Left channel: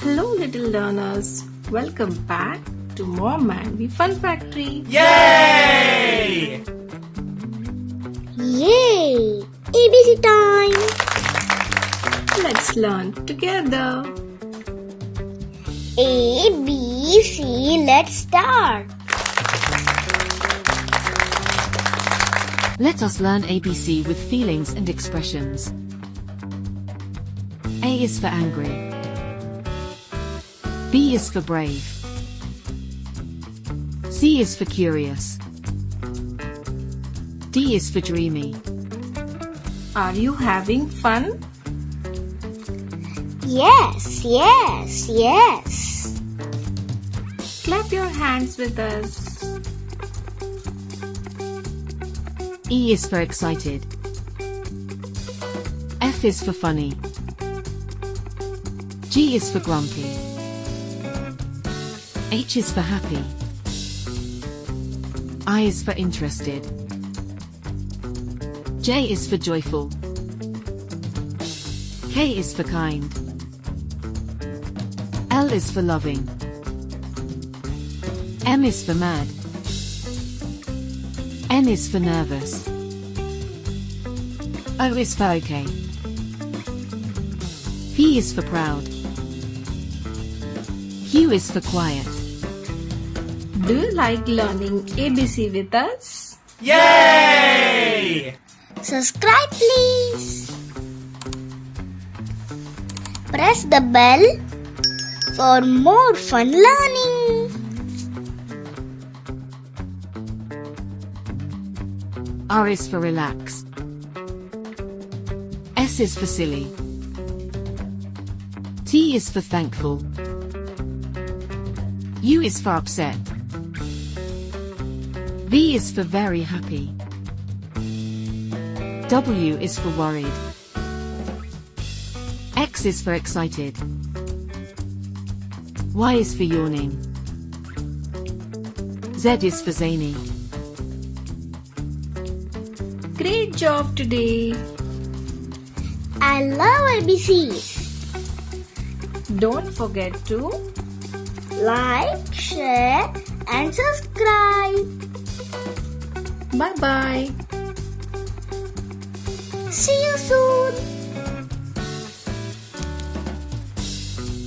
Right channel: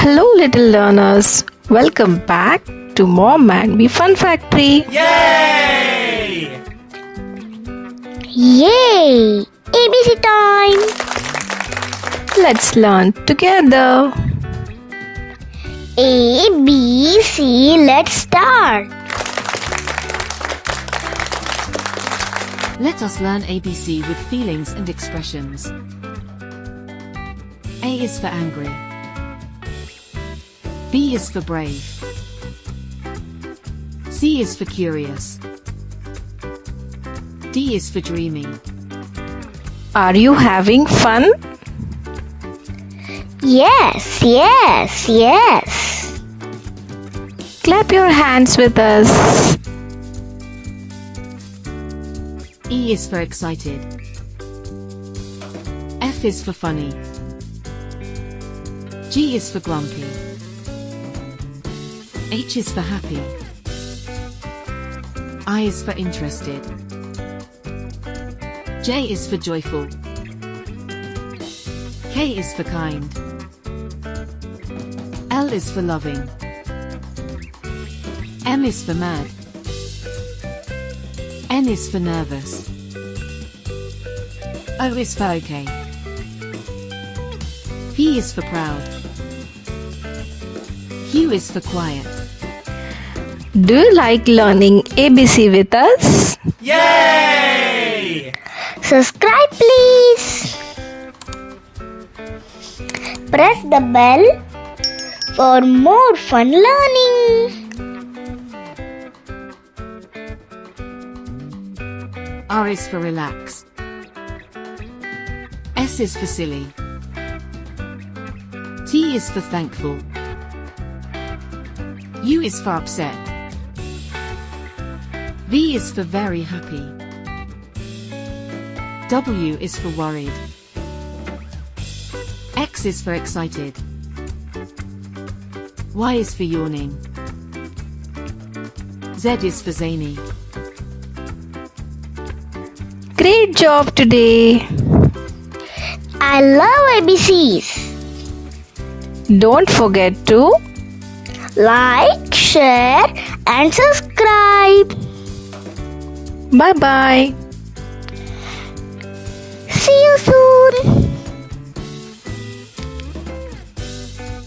Hello, little learners. Welcome back to Mom and Me Fun Factory. Yay! Yay! ABC time! Let's learn together. A, B, C, let's start. Let us learn ABC with feelings and expressions. A is for angry. B is for brave. C is for curious. D is for dreamy. Are you having fun? Yes, yes, yes. Clap your hands with us. E is for excited. F is for funny. G is for grumpy. H is for happy. I is for interested. J is for joyful. K is for kind. L is for loving. M is for mad. N is for nervous. O is for okay. P is for proud. Q is for quiet. Do you like learning ABC with us? Yay! Subscribe please. Press the bell for more fun learning. R is for relax. S is for silly. T is for thankful. U is for upset. V is for very happy. W is for worried. X is for excited. Y is for yawning. Z is for zany. Great job today. I love ABCs. Don't forget to Like, share and subscribe. bye-bye. See you soon.